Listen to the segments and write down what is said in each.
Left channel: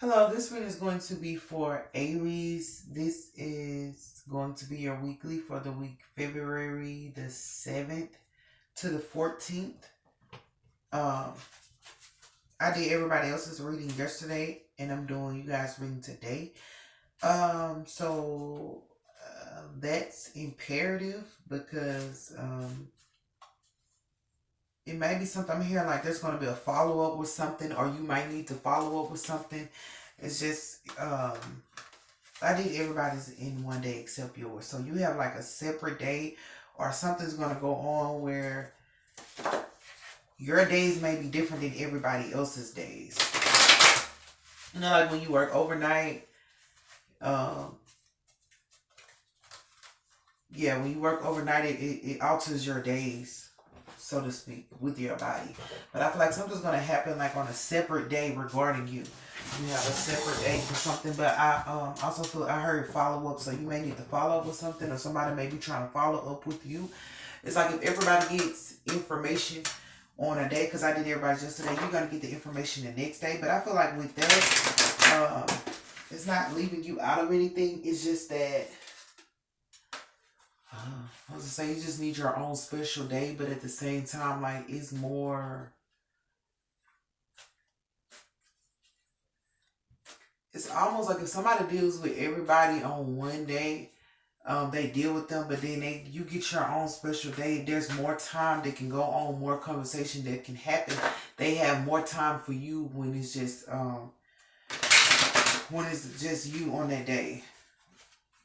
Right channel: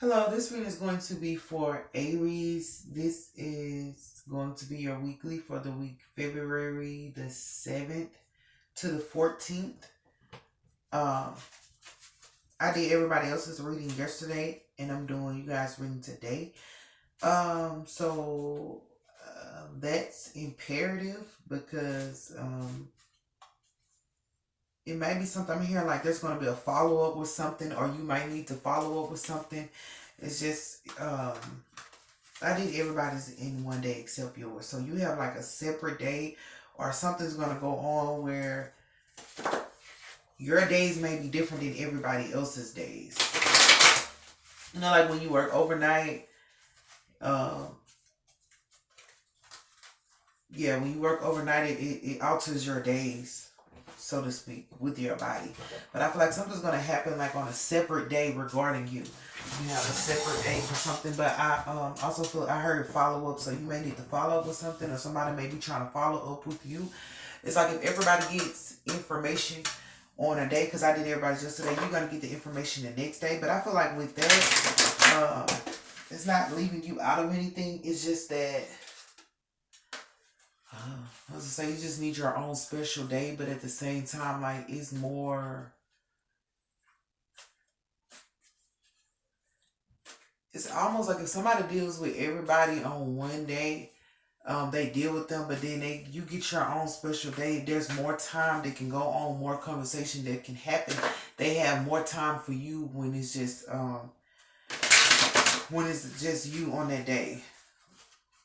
Hello, this reading is going to be for Aries. This is going to be your weekly for the week February the 7th to the 14th. Um, I did everybody else's reading yesterday, and I'm doing you guys' reading today. That's imperative because it may be something I'm hearing like there's going to be a follow up with something, or you might need to follow up with something. It's just I did everybody's in one day except yours. So you have like a separate day, or something's gonna go on where your days may be different than everybody else's days. You know, like when you work overnight, um, yeah, when you work overnight, it alters your days, so to speak, with your body. But I feel like something's gonna happen like on a separate day regarding you. You have a separate day for something, but I also feel I heard follow up, so you may need to follow up with something, or somebody may be trying to follow up with you. It's like if everybody gets information on a day, because I did everybody's yesterday, you're gonna get the information the next day. But I feel like with that, it's not leaving you out of anything. It's just that I was gonna say you just need your own special day, but at the same time, like it's more. It's almost like if somebody deals with everybody on one day, they deal with them, but then you get your own special day. There's more time that can go on, more conversation that can happen. They have more time for you when it's just you on that day.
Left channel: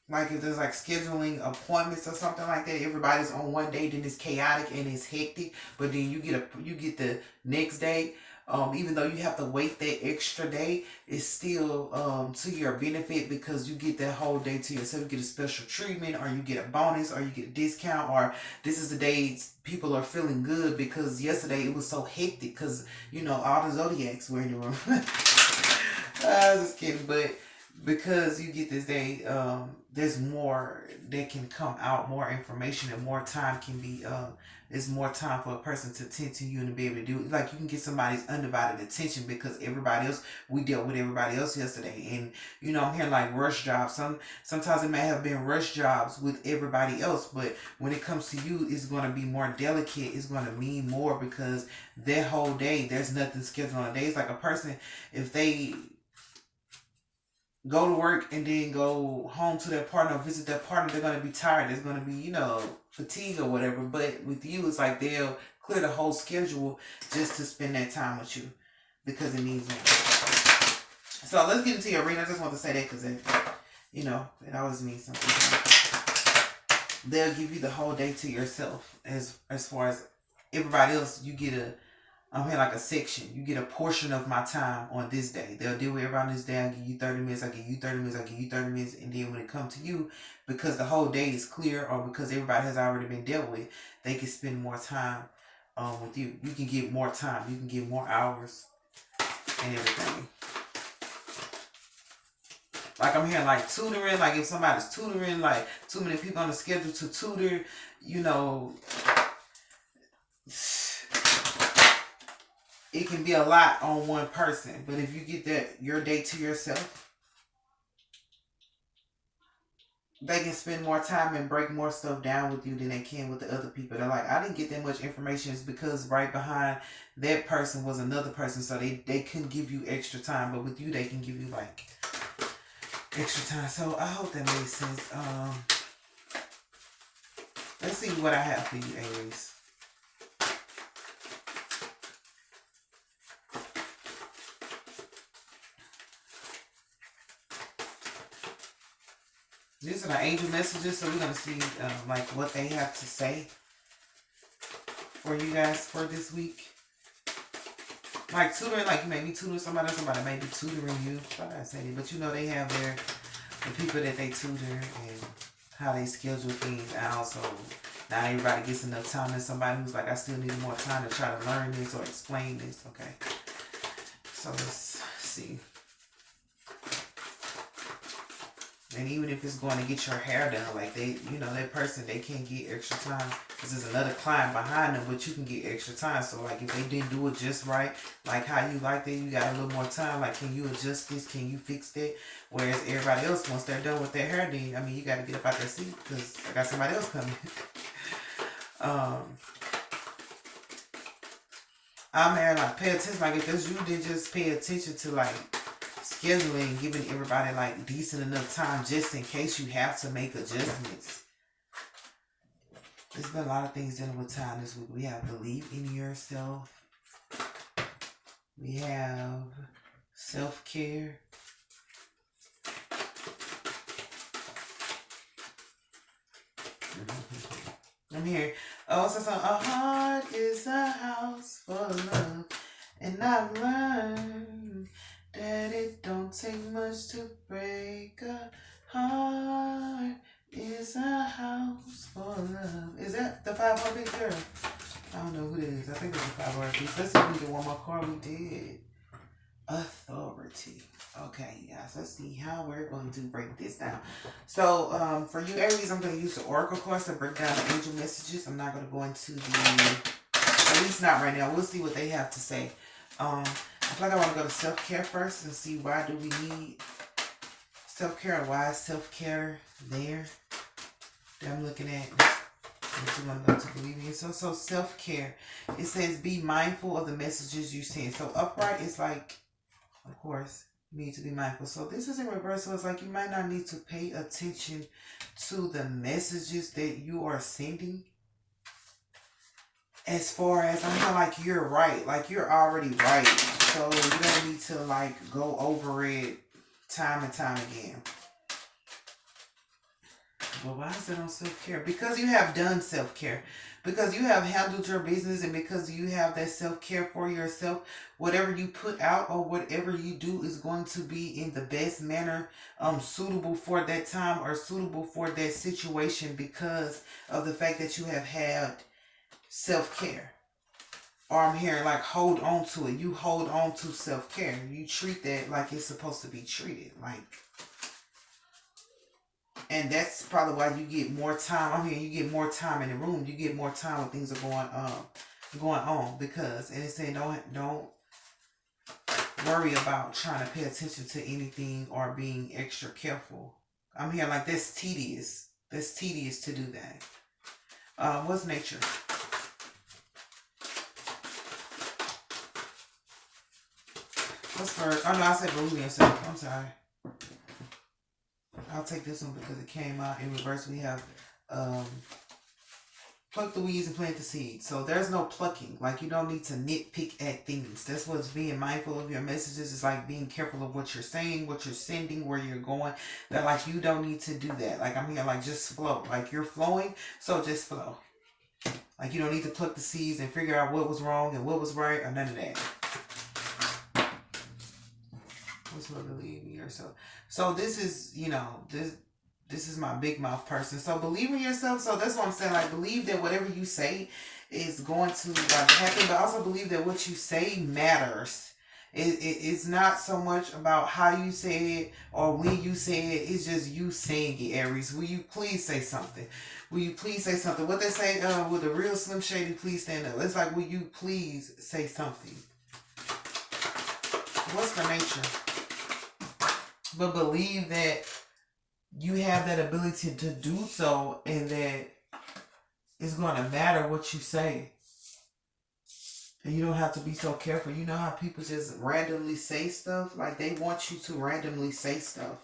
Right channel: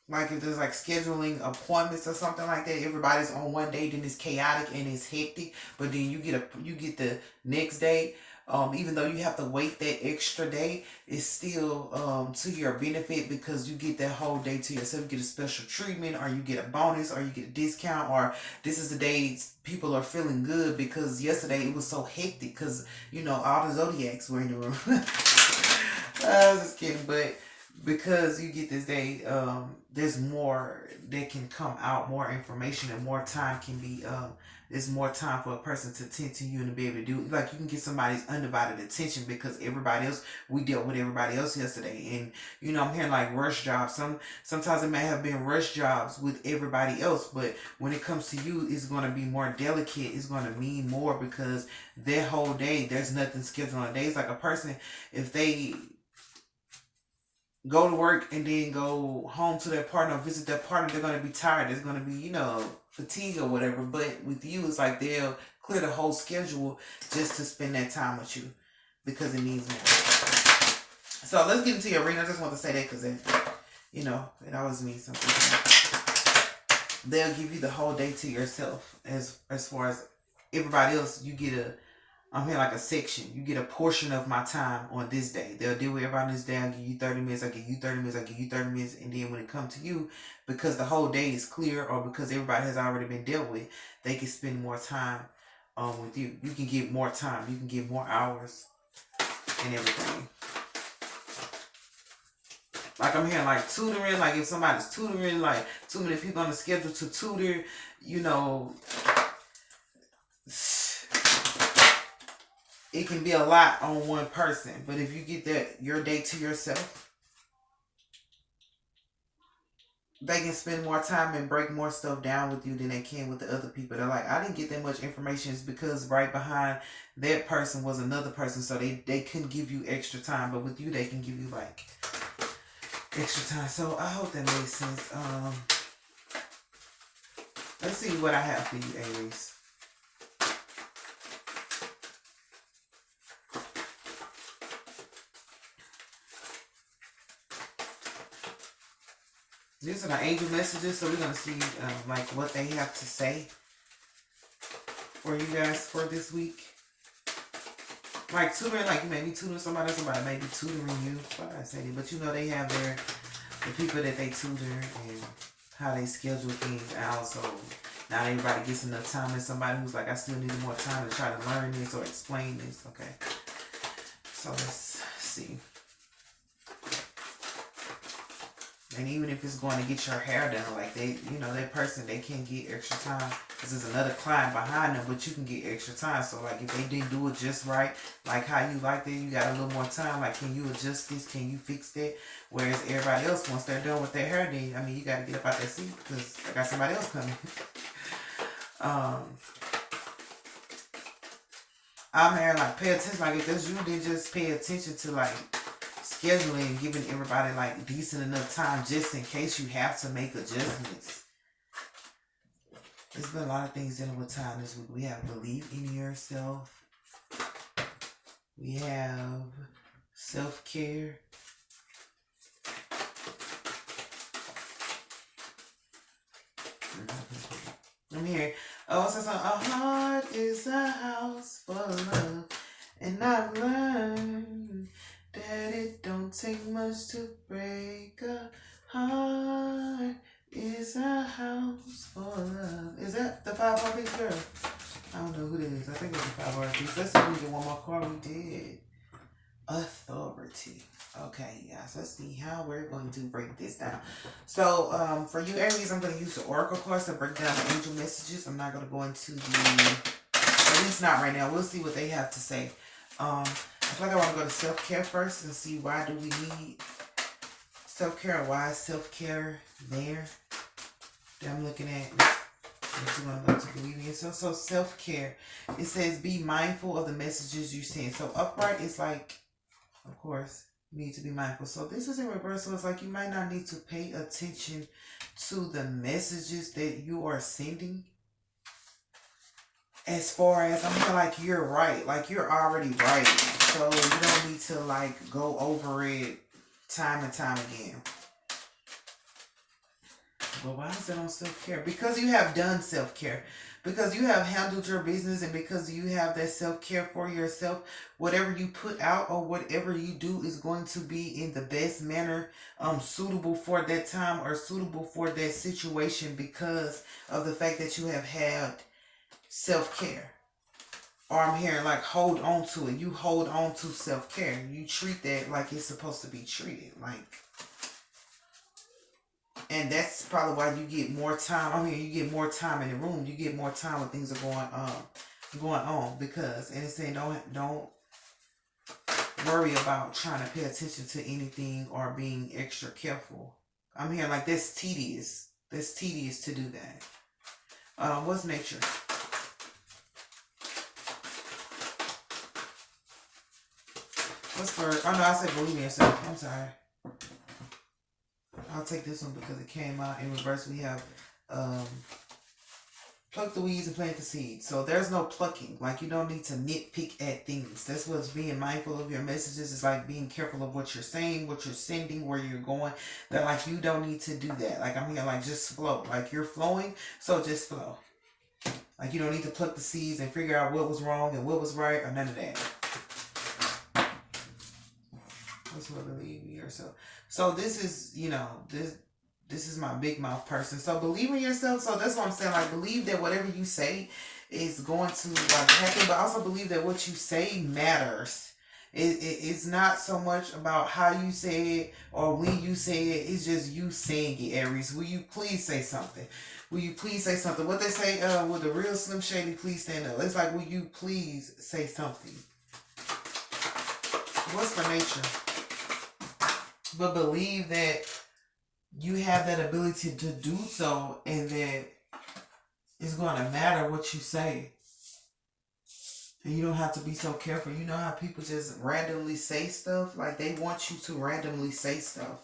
Like if there's like scheduling appointments or something like that, everybody's on one day, then it's chaotic and it's hectic. But then you get the next day. Even though you have to wait that extra day, it's still to your benefit because you get that whole day to yourself. You get a special treatment, or you get a bonus, or you get a discount, or this is the days people are feeling good because yesterday it was so hectic because all the zodiacs were in the room. I was just kidding, but because you get this day, there's more that can come out, more information, and more time can be. There's more time for a person to tend to you and to be able to do it. Like you can get somebody's undivided attention because everybody else, we dealt with everybody else yesterday, and I'm hearing like rush jobs. Sometimes it may have been rush jobs with everybody else, but when it comes to you, it's going to be more delicate. It's going to mean more because that whole day, there's nothing scheduled on a day. It's like a person, if they go to work and then go home to their partner, visit their partner, they're going to be tired. There's going to be, fatigue or whatever. But with you, it's like they'll clear the whole schedule just to spend that time with you because it needs more. So let's get into your reading. I just want to say that because it always means something. They'll give you the whole day to yourself as far as everybody else. You get I'm here like a section. You get a portion of my time on this day. They'll deal with everybody on this day. I'll give you 30 minutes. I give you 30 minutes. I give you 30 minutes. And then when it comes to you, because the whole day is clear or because everybody has already been dealt with, they can spend more time with you. You can get more time. You can get more hours and everything. Like I'm hearing like tutoring. Like if somebody's tutoring, like too many people on the schedule to tutor, it can be a lot on one person. But if you get your day to yourself, they can spend more time and break more stuff down with you than they can with the other people. They're like, I didn't get that much information. It's because right behind that person was another person, so they couldn't give you extra time. But with you, they can give you like extra time. So I hope that made sense. Let's see what I have for you, Aries. These are the angel messages, so we're going to see like what they have to say for you guys for this week. Like tutoring, like you may be tutoring somebody may be tutoring you. But they have the people that they tutor and how they schedule things out. So not everybody gets enough time. And somebody who's like, I still need more time to try to learn this or explain this. Okay. So let's see. And even if it's going to get your hair done, like they, you know, that person, they can't get extra time because there's another client behind them, but you can get extra time. So like if they didn't do it just right, like how you liked it, you got a little more time. Like, can you adjust this? Can you fix that? Whereas everybody else, once they're done with their hair, then, I mean, you got to get up out that seat because I got somebody else coming. I'm here, like, pay attention. Like, if that's you, then just pay attention to, like, scheduling, giving everybody, like, decent enough time just in case you have to make adjustments. There's been a lot of things dealing with time this week. We have believe in yourself. We have self-care. I'm here. Oh, so a heart is a house for love. And I've learned that it don't take much to break a heart. Is a house for love. Is that the 5 piece girl? I don't know who it is. I think it's the 5 piece. Let's see if we get one more card. We did. Authority. Okay, guys. Let's see how we're going to break this down. So, for you Aries, I'm going to use the Oracle cards to break down the angel messages. I'm not going to go into the, at least not right now. We'll see what they have to say. I feel like I want to go to self-care first and see why do we need self-care and why is self-care there. That I'm looking at. What you want to go to believe in yourself. So self-care. It says be mindful of the messages you send. So upright is like, of course, you need to be mindful. So this is in reverse. So it's like you might not need to pay attention to the messages that you are sending. As far as, I mean, like you're right. Like you're already right. So you don't need to like go over it time and time again. But why is it on self-care? Because you have done self-care. Because you have handled your business and because you have that self-care for yourself, whatever you put out or whatever you do is going to be in the best manner, suitable for that time or suitable for that situation because of the fact that you have had self-care. Or I'm hearing like hold on to it. You hold on to self-care. You treat that like it's supposed to be treated. Like, and that's probably why you get more time. I mean, you get more time in the room. You get more time when things are going on because, and it's saying don't worry about trying to pay attention to anything or being extra careful. I'm hearing like that's tedious. That's tedious to do that. What's nature? What's for? Oh no, I said believe in yourself. I'm sorry. I'll take this one because it came out in reverse. We have pluck the weeds and plant the seeds. So there's no plucking. Like you don't need to nitpick at things. That's what's being mindful of your messages. Is like being careful of what you're saying, what you're sending, where you're going. That like you don't need to do that. Like I'm here like just flow. Like you're flowing, so just flow. Like you don't need to pluck the seeds and figure out what was wrong and what was right or none of that. That's what believe in yourself. So this is, you know, this is my big mouth person. So believe in yourself. So that's what I'm saying. Like believe that whatever you say is going to like happen, but also believe that what you say matters. It's not so much about how you say it or when you say it. It's just you saying it, Aries. Will you please say something? Will you please say something? What they say, will the real Slim Shady please stand up? It's like, will you please say something? What's for nature? But believe that you have that ability to do so and that it's going to matter what you say. And you don't have to be so careful. You know how people just randomly say stuff? Like they want you to randomly say stuff.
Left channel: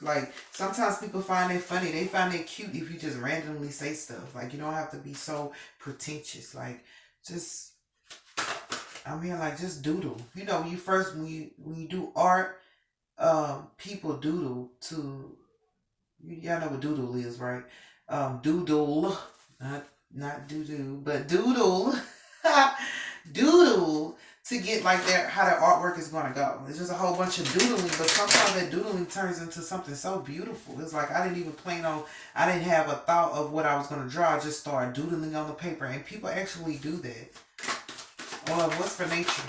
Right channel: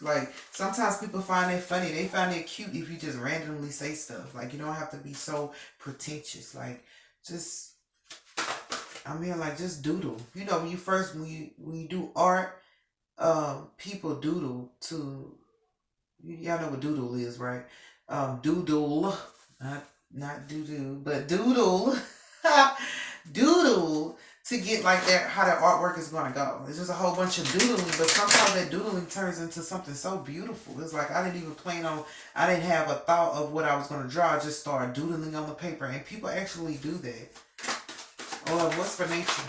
Like sometimes people find it funny. They find it cute if you just randomly say stuff. Like you don't have to be so pretentious. Like just, I'm here like just doodle. You know, when you do art, people doodle to, y'all know what doodle is, right? Doodle, not doo-doo, but doodle, doodle to get like that, how that artwork is gonna go. It's just a whole bunch of doodling, but sometimes that doodling turns into something so beautiful. It's like I didn't have a thought of what I was gonna draw. I just started doodling on the paper, and people actually do that. Or what's for nature?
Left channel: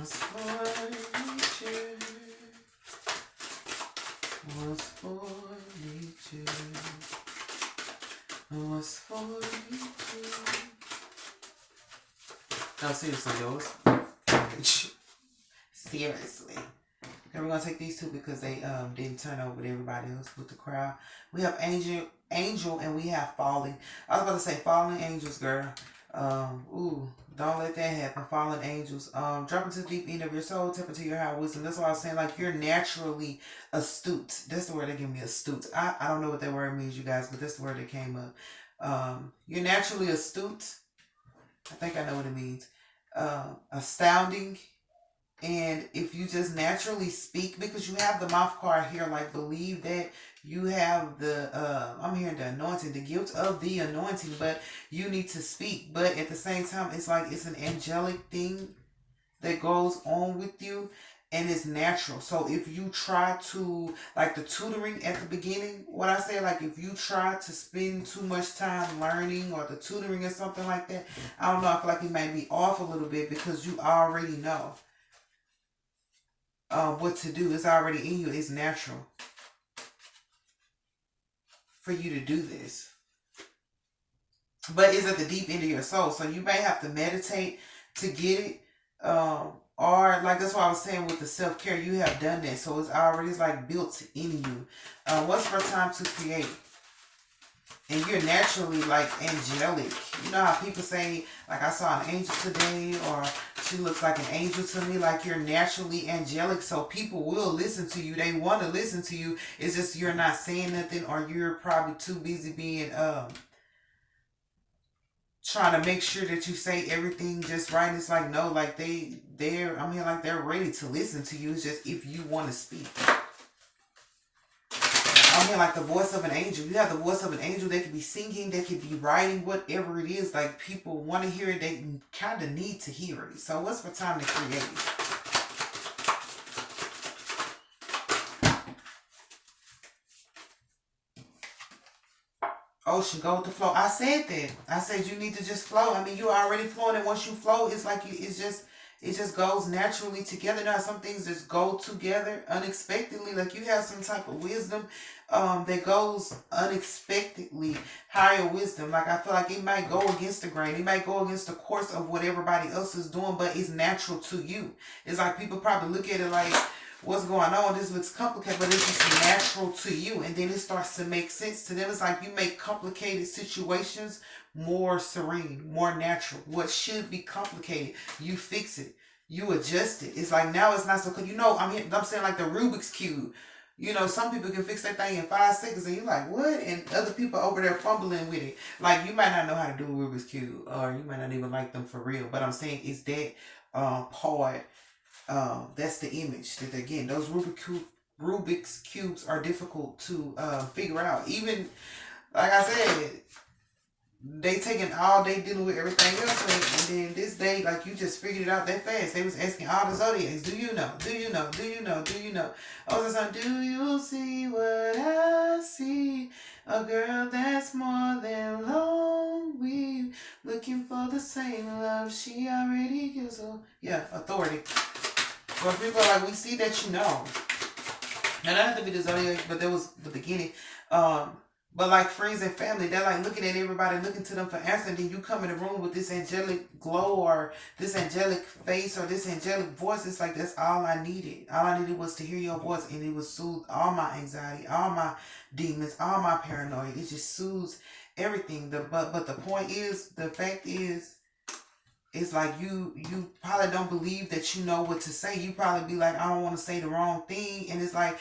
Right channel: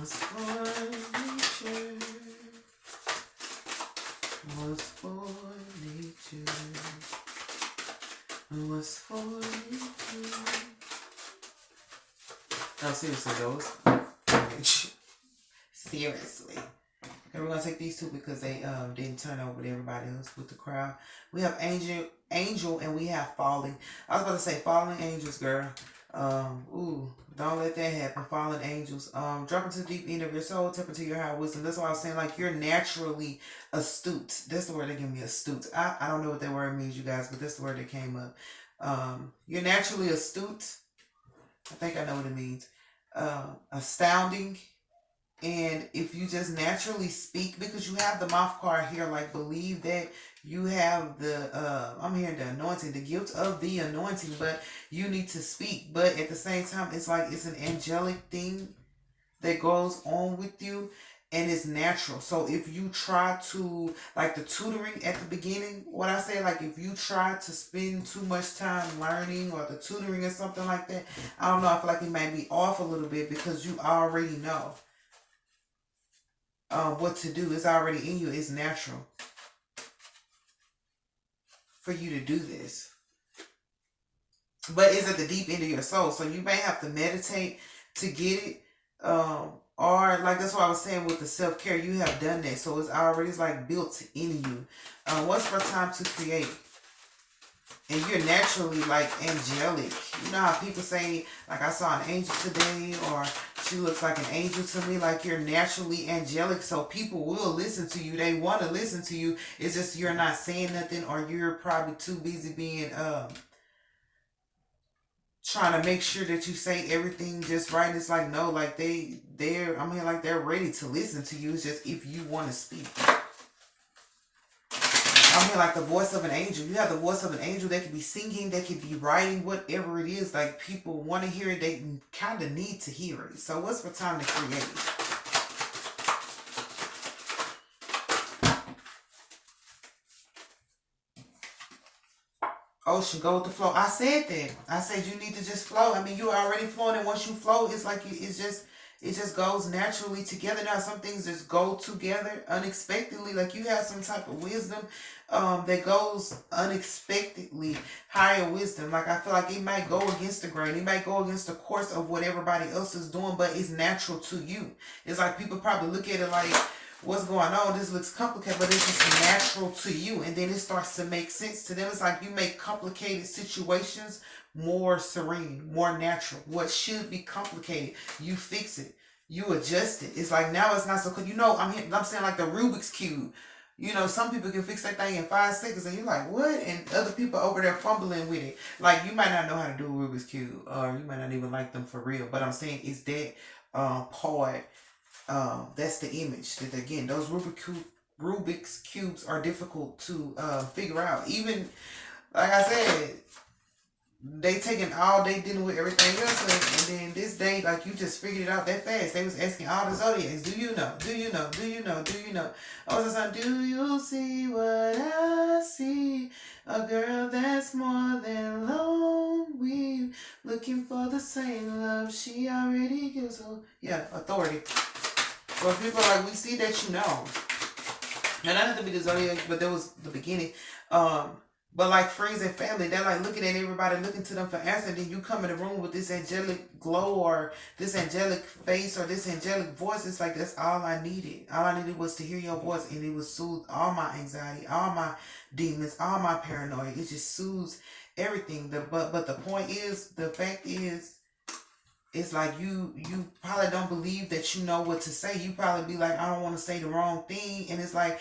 Was for nature. Was for nature. Was for nature. No, seriously, those. Seriously. And we're gonna take these two because they didn't turn over with everybody else with the crowd. We have angel, and we have falling. I was about to say falling angels, girl. Ooh, don't let that happen. Fallen angels. Drop into the deep end of your soul, tap into your high wisdom. That's why I was saying, like, you're naturally astute. That's the word they give me, astute. I don't know what that word means, you guys, but that's the word that came up. You're naturally astute. I think I know what it means. Astounding. And if you just naturally speak, because you have the mouth card here, like, believe that you have I'm hearing the anointing, the gift of the anointing, but you need to speak. But at the same time, it's like it's an angelic thing that goes on with you, and it's natural. So if you try to, like the tutoring at the beginning, what I say, like if you try to spend too much time learning or the tutoring or something like that, I don't know, I feel like it might be off a little bit because you already know what to do. It's already in you. It's natural for you to do this. But it's at the deep end of your soul. So you may have to meditate to get it. Or like that's what I was saying with the self-care. You have done that. So it's like built in you. What's for time to create? And you're naturally like angelic. You know how people say, like, I saw an angel today, or she looks like an angel to me. Like, you're naturally angelic, so people will listen to you. They want to listen to you. It's just you're not saying nothing, or you're probably too busy being trying to make sure that you say everything just right. And it's like, no, like I'm here, like they're ready to listen to you. It's just if you want to speak. I'm here like the voice of an angel. You have the voice of an angel. They could be singing, they could be writing, whatever it is. Like, people want to hear it. They kind of need to hear it. So what's for time to create? Ocean, go with the flow. I said that. I said you need to just flow. I mean, you're already flowing, and once you flow, it's like it just goes naturally together. Now, some things just go together unexpectedly. Like, you have some type of wisdom that goes unexpectedly. Higher wisdom. Like, I feel like it might go against the grain. It might go against the course of what everybody else is doing, but it's natural to you. It's like people probably look at it like, what's going on? This looks complicated, but it's just natural to you. And then it starts to make sense to them. It's like you make complicated situations more serene, more natural. What should be complicated, you fix it. You adjust it. It's like now it's not so good. I'm saying like the Rubik's Cube. Some people can fix that thing in 5 seconds, and you're like, what? And other people over there fumbling with it. Like, you might not know how to do a Rubik's Cube, or you might not even like them for real. But I'm saying it's that part. That's the image that, again, those Rubik's cubes are difficult to figure out. Even, like I said, they taking all day dealing with everything else, and then this day, like, you just figured it out that fast. They was asking all the zodiacs, do you know? Do you know? Do you know? Do you know? All the time, do you see what I see? A girl that's more than lonely, looking for the same love she already gives. So, yeah, authority. Or people are like, we see that you know. And that had to be the zodiac, but that was the beginning. But like friends and family, they're like looking at everybody, looking to them for answers. And then you come in the room with this angelic glow, or this angelic face, or this angelic voice. It's like, that's all I needed. All I needed was to hear your voice, and it would soothe all my anxiety, all my demons, all my paranoia. It just soothes everything. But the point is, the fact is, it's like you probably don't believe that you know what to say. You probably be like, I don't want to say the wrong thing. And it's like,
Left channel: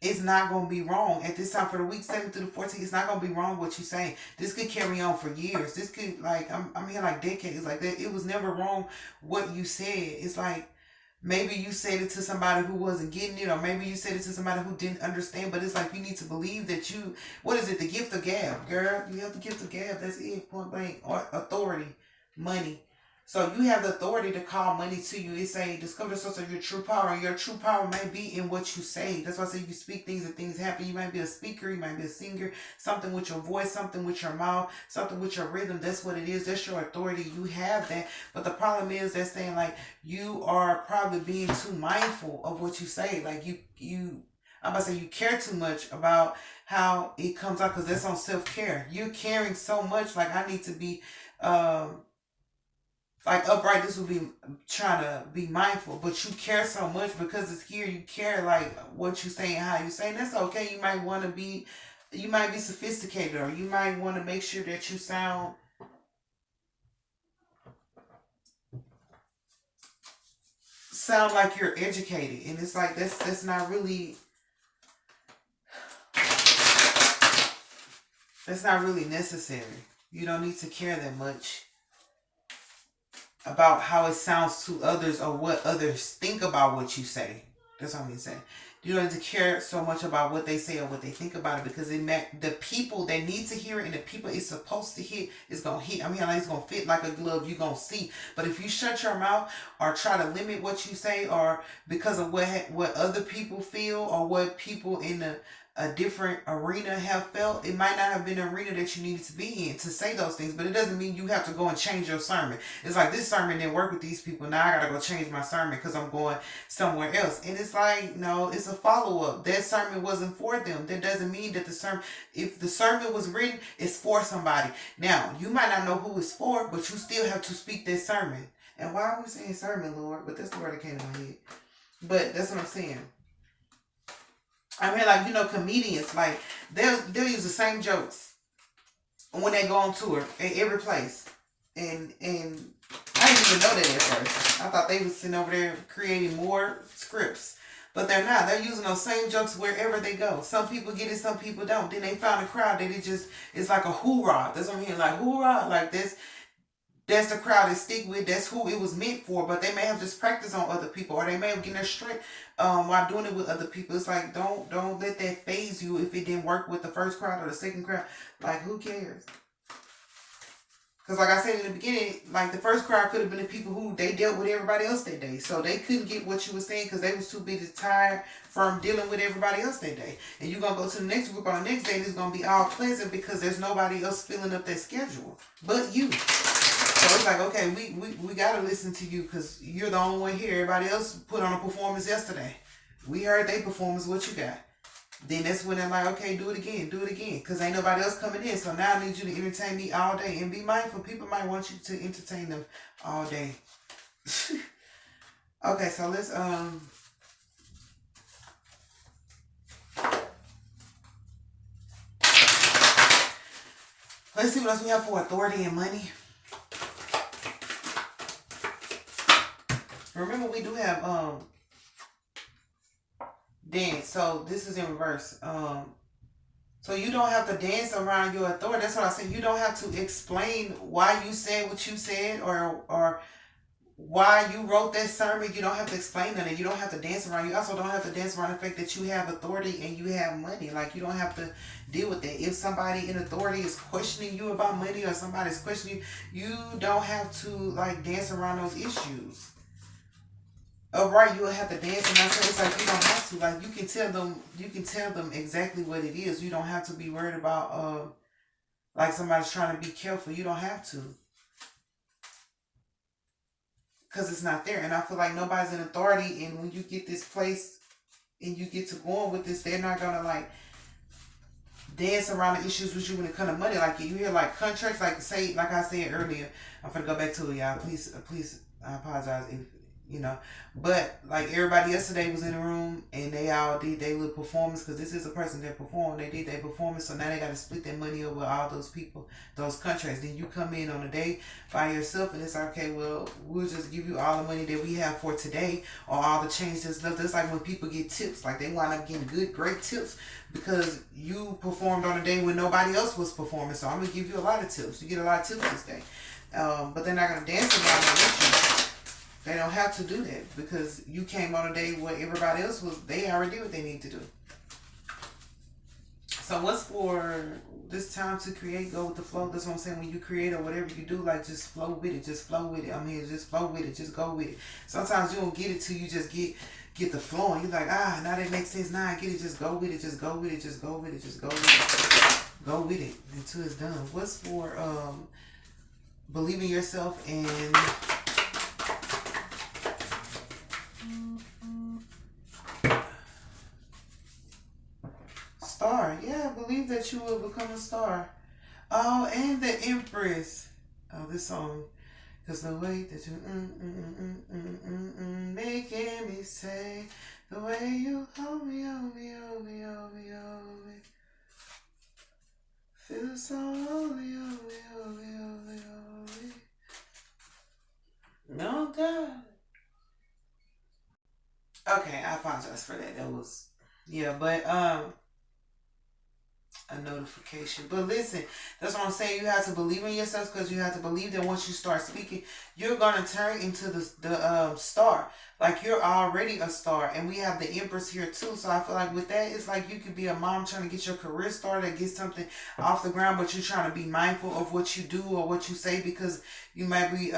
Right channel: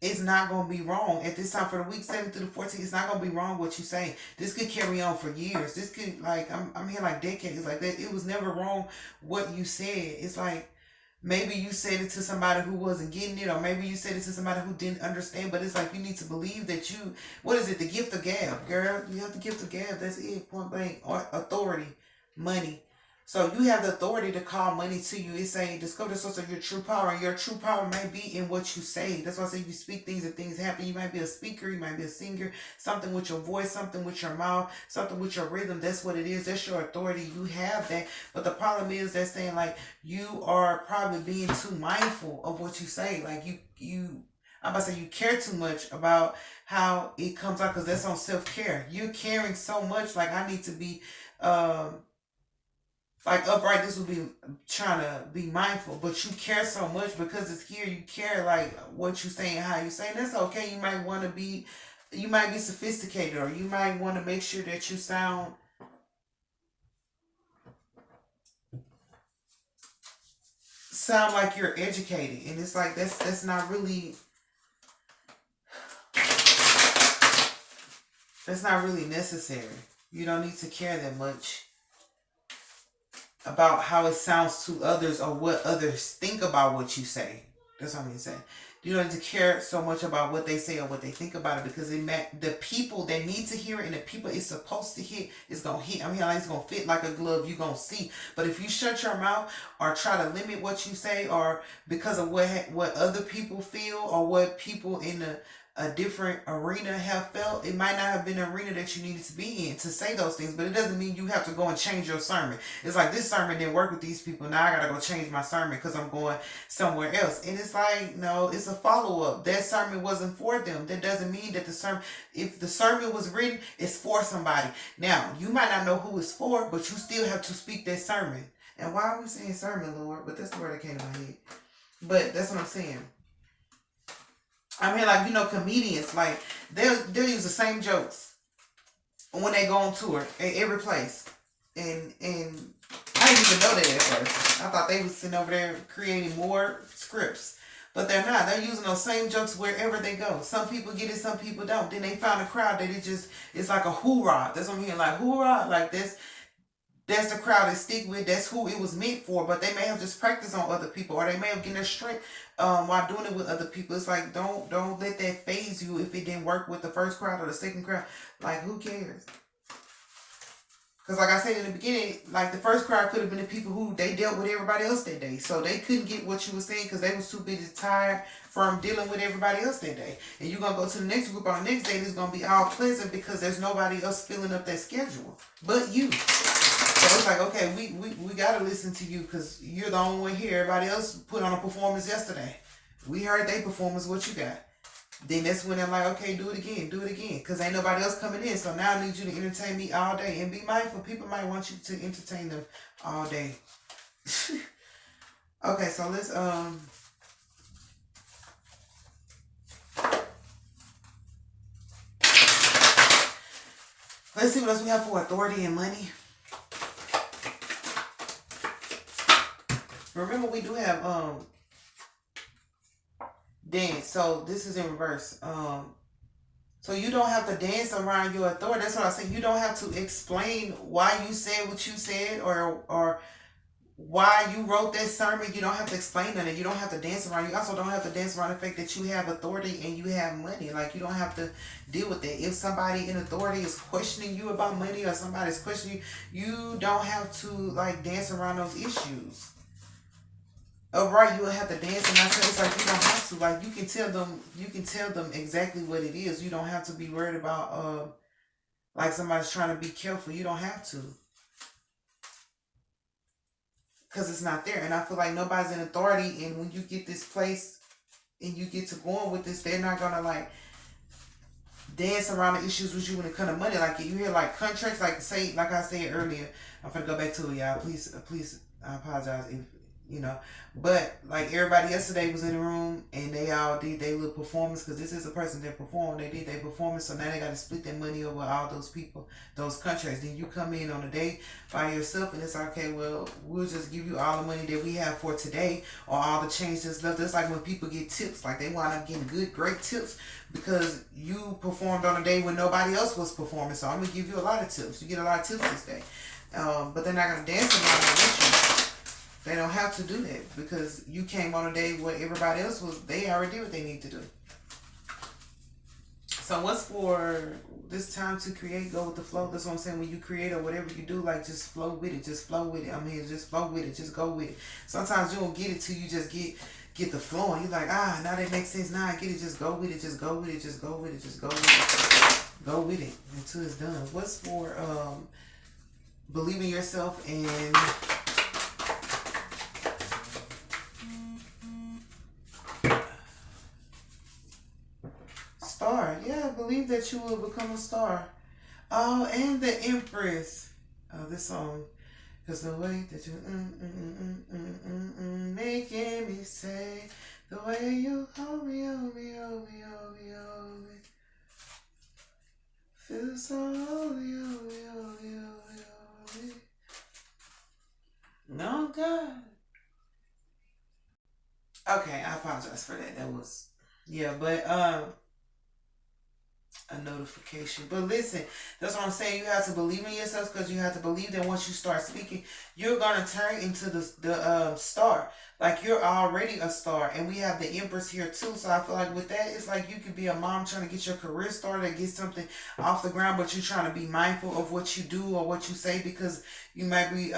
it's not going to be wrong. At this time, for the week 7 through the 14th, it's not going to be wrong what you say. This could carry on for years. This could, like, I'm here like decades. Like, that. It was never wrong what you said. It's like, maybe you said it to somebody who wasn't getting it, or maybe you said it to somebody who didn't understand. But it's like, you need to believe that what is it? The gift of gab, girl. You have the gift of gab. That's it. Point blank. Or authority, money. So you have the authority to call money to you. It's saying discover the source of your true power. And your true power may be in what you say. That's why I say you speak things and things happen. You might be a speaker, you might be a singer, something with your voice, something with your mouth, something with your rhythm. That's what it is. That's your authority. You have that. But the problem is they're saying like you are probably being too mindful of what you say. Like I'm about to say you care too much about how it comes out because that's on self-care. You're caring so much. Like I need to be like upright. This would be trying to be mindful, but you care so much because it's here. You care like what you say and how you say, and that's okay. You might want to be, you might be sophisticated, or you might want to make sure that you sound like you're educated, and it's like that's not really, that's not really necessary. You don't need to care that much about how it sounds to others or what others think about what you say. That's what I'm gonna say. You don't need to care so much about what they say or what they think about it because the people that need to hear it and the people it's supposed to hit is gonna hit. I mean, like it's gonna fit like a glove. You're gonna see. But if you shut your mouth or try to limit what you say or because of what other people feel or what people in a different arena have felt, it might not have been an arena that you needed to be in to say those things, but it doesn't mean you have to go and change your sermon. It's like this sermon didn't work with these people. Now I gotta go change my sermon because I'm going somewhere else. And it's like, no, it's a follow-up. That sermon wasn't for them. That doesn't mean that the sermon, if the sermon was written, it's for somebody. Now, you might not know who it's for, but you still have to speak that sermon. And why are we saying sermon, Lord? But that's the word that came to my head. But that's what I'm saying. I mean, like, comedians, like, they'll use the same jokes when they go on tour at every place. And I didn't even know that at first. I thought they was sitting over there creating more scripts. But they're not. They're using those same jokes wherever they go. Some people get it, some people don't. Then they found a crowd that it's like a hoorah. That's what I'm hearing, like, hoorah, like this. That's the crowd they stick with. That's who it was meant for. But they may have just practiced on other people, or they may have gotten their strength while doing it with other people. It's like don't let that phase you if it didn't work with the first crowd or the second crowd. Like who cares? Because like I said in the beginning, like the first crowd could have been the people who they dealt with everybody else that day, so they couldn't get what you were saying because they was too busy tired from dealing with everybody else that day. And you're gonna go to the next group on the next day, and it's gonna be all pleasant because there's nobody else filling up that schedule but you. So it's like, okay, we gotta listen to you because you're the only one here. Everybody else put on a performance yesterday. We heard their performance. What you got? Then that's when I'm like, okay, do it again, because ain't nobody else coming in. So now I need you to entertain me all day and be mindful. People might want you to entertain them all day. Okay, so let's see what else we have for authority and money. Remember, we do have dance. So this is in reverse. So you don't have to dance around your authority. That's what I said. You don't have to explain why you said what you said or why you wrote that sermon. You don't have to explain that. You don't have to dance around. You also don't have to dance around the fact that you have authority and you have money. Like you don't have to deal with that. If somebody in authority is questioning you about money or somebody's questioning you, you don't have to like dance around those issues. Oh right, you will have to dance, and I said it's like you don't have to. Like you can tell them exactly what it is. You don't have to be worried about like somebody's trying to be careful. You don't have to. Because it's not there. And I feel like nobody's in authority, and when you get this place and you get to going with this, they're not gonna like dance around the issues with you when it comes to money. Like you hear like contracts, like say, like I said earlier, I'm gonna go back to it, y'all. Please, I apologize if but like everybody yesterday was in the room and they all did their little performance because this is a person that performed. They did their performance, so now they got to split their money over all those people, those contracts. Then you come in on a day by yourself and it's like, okay, well, we'll just give you all the money that we have for today or all the change that's left. It's like when people get tips, like they wind up getting great tips because you performed on a day when nobody else was performing. So I'm gonna give you a lot of tips. You get a lot of tips this day, but they're not gonna dance around with you. They don't have to do that because you came on a day where everybody else was, they already did what they need to do. So what's for this time to create? Go with the flow. That's what I'm saying. When you create or whatever you do, like just flow with it. Just flow with it. I mean, just flow with it. Just go with it. Sometimes you don't get it till you just get the flow, and you're like, now that makes sense. Now I get it. Just go with it. Just go with it. Just go with it. Just go with it. Go with it until it's done. What's for believe in yourself and star? Yeah, believe that you will become a star. Oh, and the Empress. Oh, this song. Cause the way that you making me say, the way you hold me, hold me, hold me, hold me, hold me, feel so holy, holy, holy, holy, holy. No God. Okay, I apologize for that. That was yeah, but a notification. But listen, that's what I'm saying. You have to believe in yourself because you have to believe that once you start speaking, you're gonna turn into the star. Like you're already a star, and we have the Empress here too. So I feel like with that, it's like you could be a mom trying to get your career started, get something off the ground, but you're trying to be mindful of what you do or what you say because you might be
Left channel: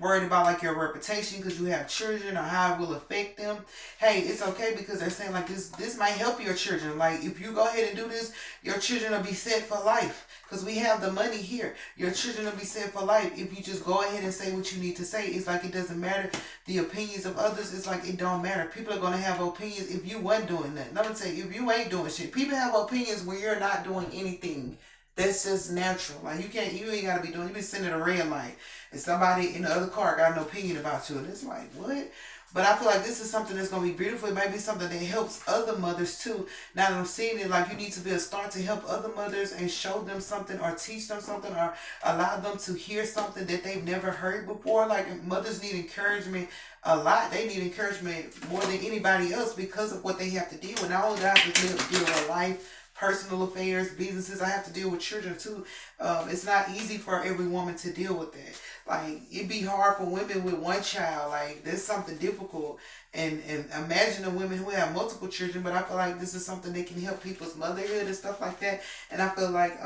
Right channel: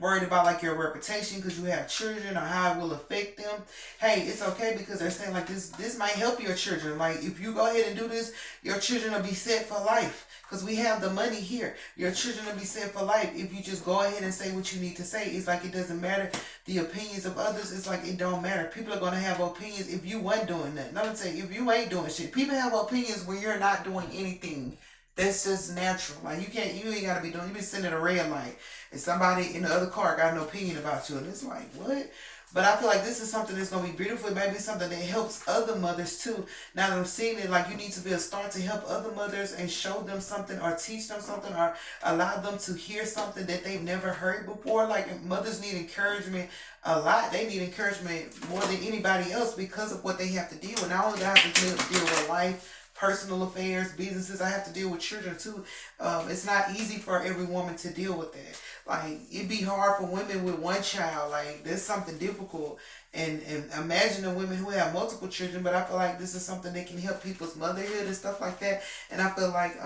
worried about like your reputation because you have children or how it will affect them. Hey, it's okay because they're saying like this might help your children. Like if you go ahead and do this, your children will be set for life because we have the money here. Your children will be set for life if you just go ahead and say what you need to say. It's like it doesn't matter the opinions of others. It's like it don't matter. People are gonna have opinions if you wasn't doing that. No, I'm saying if you ain't doing shit. People have opinions when you're not doing anything. That's just natural. Like you ain't gotta be doing. You be sitting at a red light, and somebody in the other car got an opinion about you, and it's like what? But I feel like this is something that's gonna be beautiful. It might be something that helps other mothers too. Now that I'm seeing it, like you need to be a star to help other mothers and show them something, or teach them something, or allow them to hear something that they've never heard before. Like mothers need encouragement a lot. They need encouragement more than anybody else because of what they have to deal with. Not only do I have to deal with life, personal affairs, businesses. I have to deal with children too. It's not easy for every woman to deal with that. Like it'd be hard for women with one child. Like there's something difficult. And imagine the women who have multiple children. But I feel like this is something that can help people's motherhood and stuff like that. And I feel like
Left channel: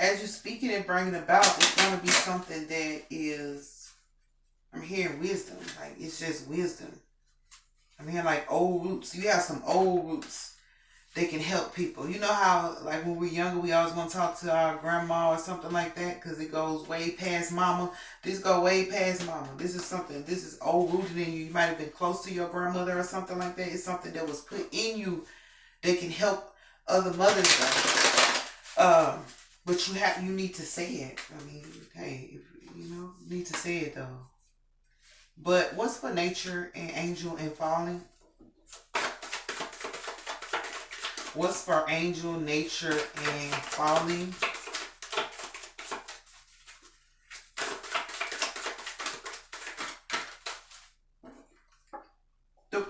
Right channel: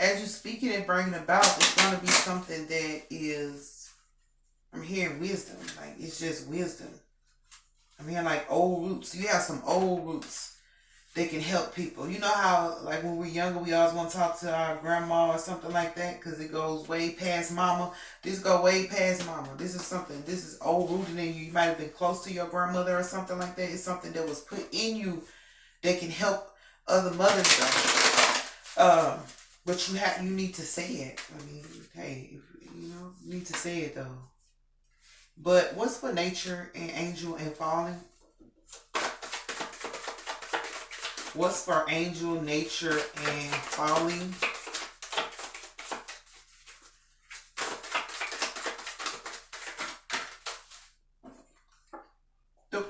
as you speaking and bringing about, it's gonna be something that is. I'm hearing wisdom. Like it's just wisdom. I'm hearing like old roots. You have some old roots that can help people. You know how like when we're younger, we always want to talk to our grandma or something like that because it goes way past mama. This go way past mama. This is something. This is old rooted in you. You might have been close to your grandmother or something like that. It's something that was put in you that can help other mothers. But you need to say it. I mean, hey, you need to say it though. But what's for nature and angel and falling? What's for angel, nature, and falling?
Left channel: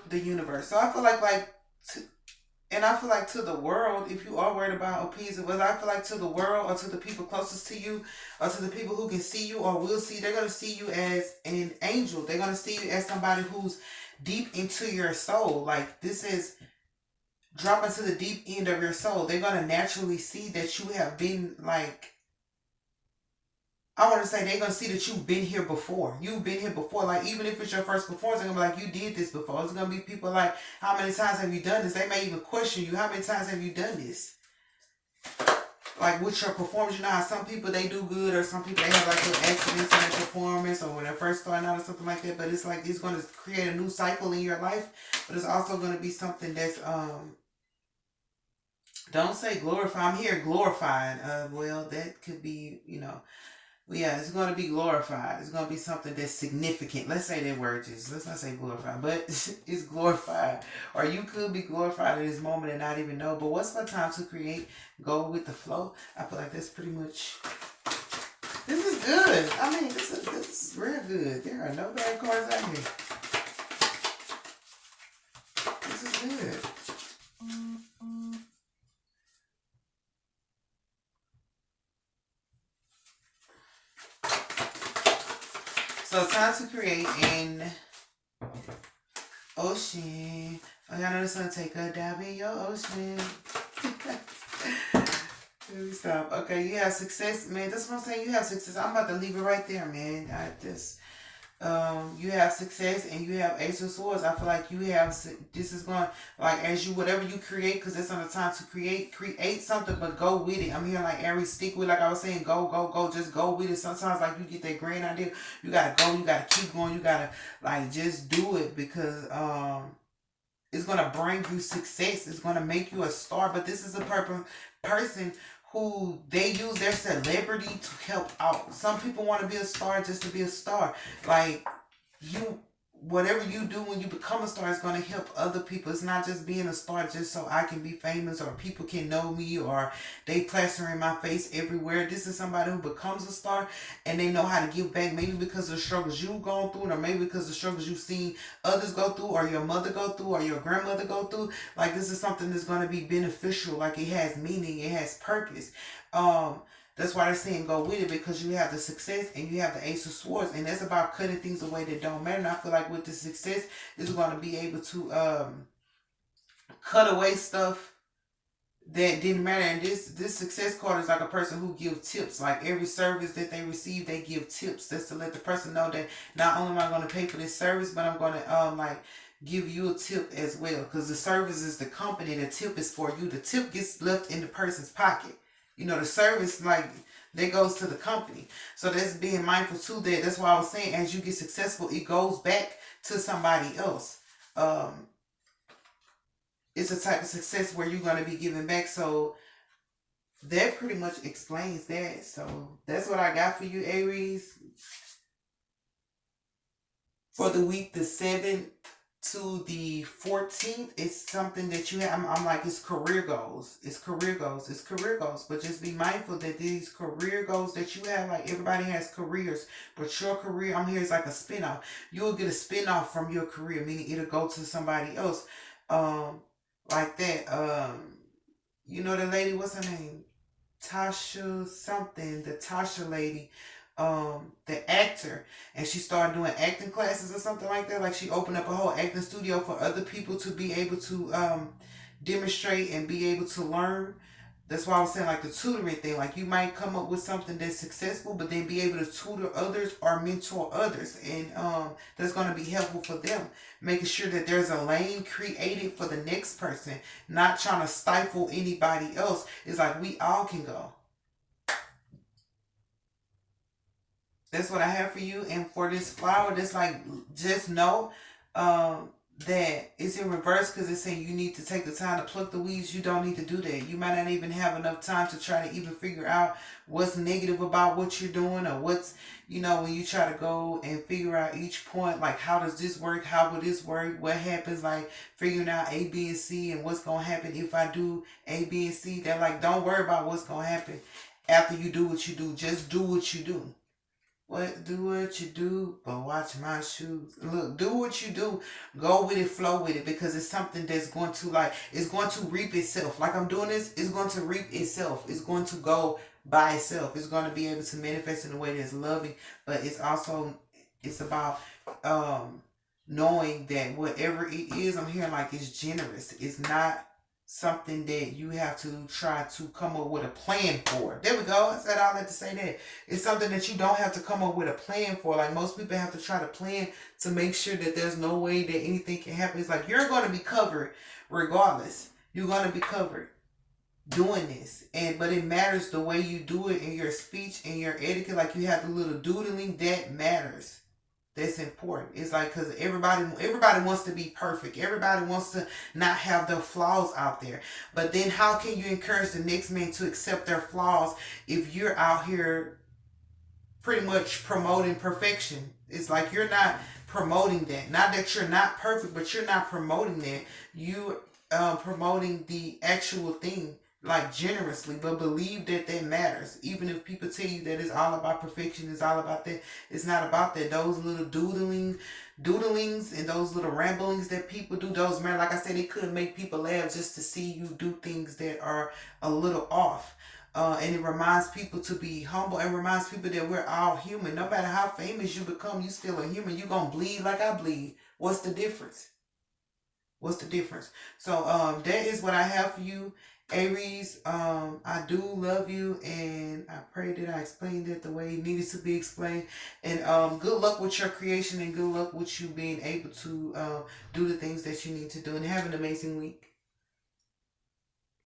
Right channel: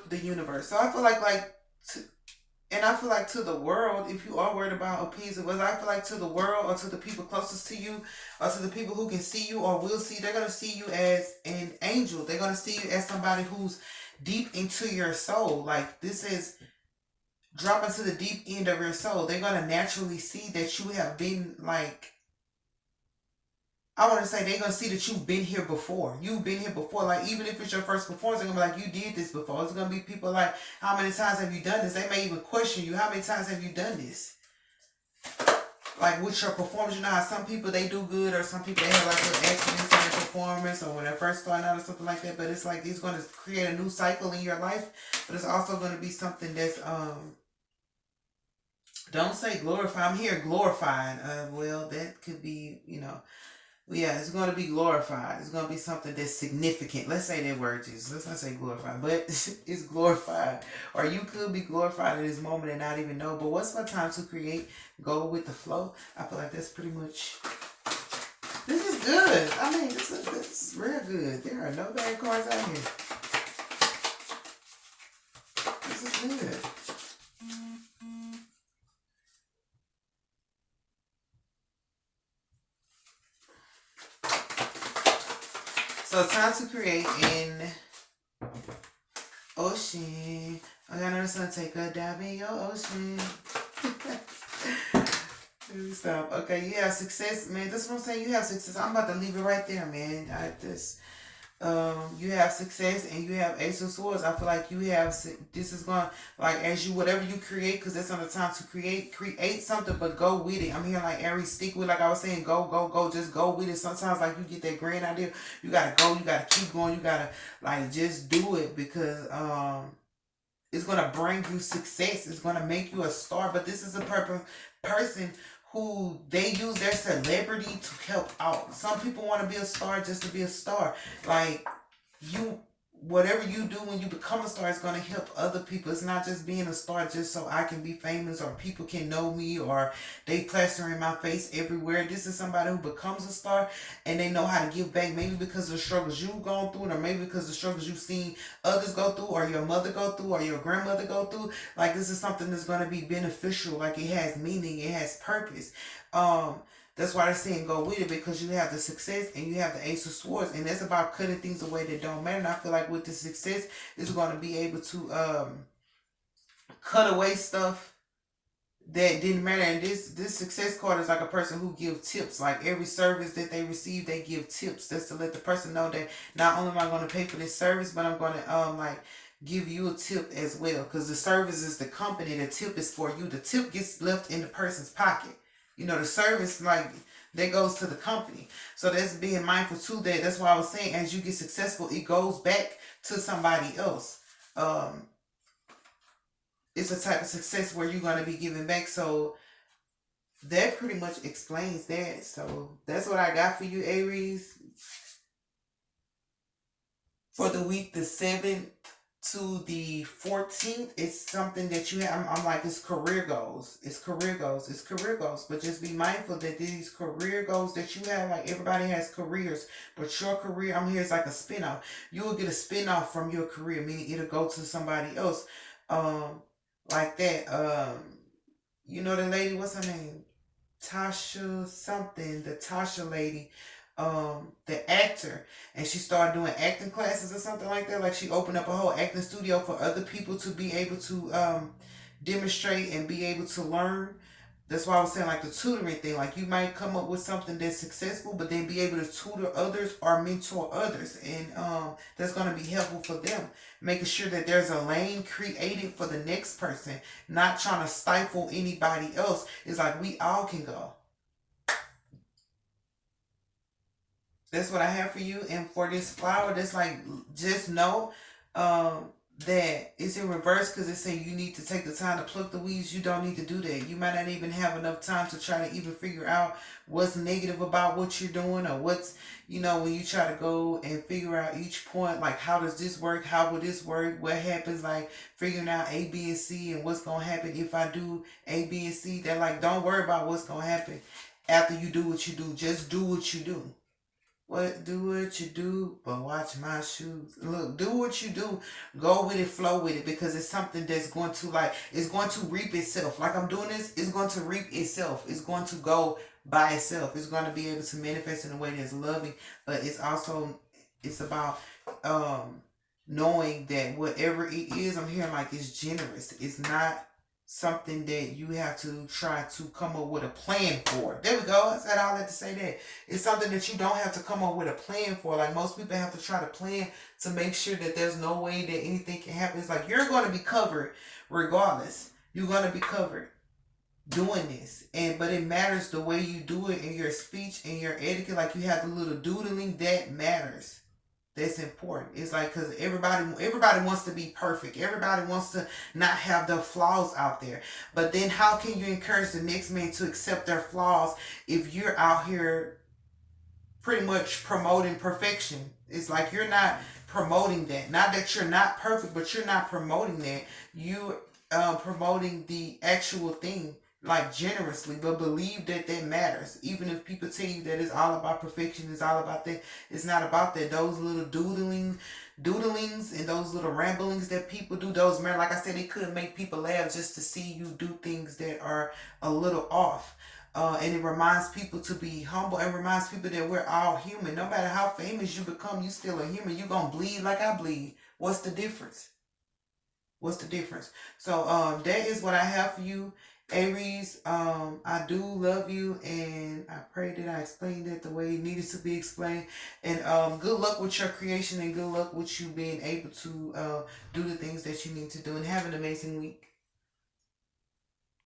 The universe. So I feel and I feel like to the world, if you are worried about opinions of others, I feel like to the world or to the people closest to you or to the people who can see you or will see, they're going to see you as an angel. They're going to see you as somebody who's deep into your soul. Like this is dropping to the deep end of your soul. They're going to naturally see that you have been like, I want to say they're going to see that you've been here before. You've been here before. Like, even if it's your first performance, they're going to be like, you did this before. It's going to be people like, how many times have you done this? They may even question you. How many times have you done this? Like, with your performance, you know how some people, they do good, or some people, they have like little accidents in their performance, or when they're first starting out or something like that. But it's like, it's going to create a new cycle in your life. But it's also going to be something that's, don't say glorify. I'm here glorified. Well, that could be, yeah, it's going to be glorified. It's going to be something that's significant. Let's say that word, Jesus. Let's not say glorified, but it's glorified. Or you could be glorified in this moment and not even know. But what's my time to create? Go with the flow. I feel like that's pretty much. This is good. I mean, this is real good. There are no bad cards out here. This is good. So time to create in ocean. I know the sun take a dive in your ocean. Let me stop. Okay, you have success, man. That's what I'm saying. You have success. I'm about to leave it right there, man. You have success and you have Ace of Swords. I feel like you have this is going like as you whatever you create because it's on the time to create something, but go with it. I'm hearing like Aries stick with like I was saying, go, just go with it. Sometimes like you get that grand idea, you gotta go, you gotta keep going, you gotta like just do it because it's gonna bring you success. It's gonna make you a star. But this is a person who they use their celebrity to help out. Some people want to be a star just to be a star. Like you, whatever you do when you become a star is gonna help other people. It's not just being a star just so I can be famous or people can know me or they plastering my face everywhere. This is somebody who becomes a star and they know how to give back. Maybe because of the struggles you've gone through, or maybe because of the struggles you've seen others go through, or your mother go through, or your grandmother go through. Like this is something that's gonna be beneficial. Like it has meaning, it has purpose. Um, that's why they're saying go with it because you have the success and you have the Ace of Swords, and that's about cutting things away that don't matter. And I feel like with the success, is going to be able to cut away stuff that didn't matter. And this success card is like a person who gives tips. Like every service that they receive, they give tips. That's to let the person know that not only am I going to pay for this service, but I'm going to like give you a tip as well. Because the service is the company, the tip is for you. The tip gets left in the person's pocket. You know, the service like that goes to the company. So that's being mindful too. That's why I was saying as you get successful, it goes back to somebody else. Um, it's a type of success where you're going to be giving back. So that pretty much explains that. So that's what I got for you, Aries, for the week the 7th to the 14th. It's something that you have. I'm like, it's career goals. It's career goals. It's career goals. But just be mindful that these career goals that you have, like everybody has careers, but your career, I'm here, is like a spinoff. You'll get a spinoff from your career, meaning it'll go to somebody else. Um, like that. You know the lady, what's her name? Tasha something, the Tasha lady, the actor, and she started doing acting classes or something like that. Like she opened up a whole acting studio for other people to be able to demonstrate and be able to learn. That's why I was saying like the tutoring thing. Like you might come up with something that's successful, but then be able to tutor others or mentor others, and that's going to be helpful for them. Making sure that there's a lane created for the next person, not trying to stifle anybody else. It's like we all can go. That's what I have for you. And for this flower, that's like just know um that it's in reverse because it's saying you need to take the time to pluck the weeds. You don't need to do that. You might not even have enough time to try to even figure out what's negative about what you're doing or what's when you try to go and figure out each point, like how does this work, how will this work, what happens, like figuring out A, B, and C and what's gonna happen if I do A, B, and C. They're like, don't worry about what's gonna happen after you do what you do. Just do what you do. Do what you do, but watch my shoes. Look, do what you do. Go with it, flow with it, because it's something that's going to it's going to reap itself. Like I'm doing this, it's going to reap itself. It's going to go by itself. It's going to be able to manifest in a way that's loving, but it's about knowing that whatever it is, I'm hearing like it's generous. It's not something that you have to try to come up with a plan for. There we go. I said all that to say that. It's something that you don't have to come up with a plan for. Like most people have to try to plan to make sure that there's no way that anything can happen. It's like you're going to be covered regardless. You're going to be covered doing this. But it matters the way you do it in your speech and your etiquette. Like you have the little doodling that matters. That's important. It's like because everybody wants to be perfect. Everybody wants to not have their flaws out there. But then how can you encourage the next man to accept their flaws if you're out here pretty much promoting perfection? It's like you're not promoting that. Not that you're not perfect, but you're not promoting that. You promoting the actual thing like generously, but believe that that matters. Even if people tell you that it's all about perfection, it's all about that. It's not about that. Those little doodlings and those little ramblings that people do, those man, like I said, it could make people laugh just to see you do things that are a little off. And it reminds people to be humble and reminds people that we're all human. No matter how famous you become, you still a human. You're going to bleed like I bleed. What's the difference? What's the difference? So that is what I have for you, Aries. I do love you, and I pray that I explained it the way it needed to be explained. And good luck with your creation, and good luck with you being able to do the things that you need to do. And have an amazing week.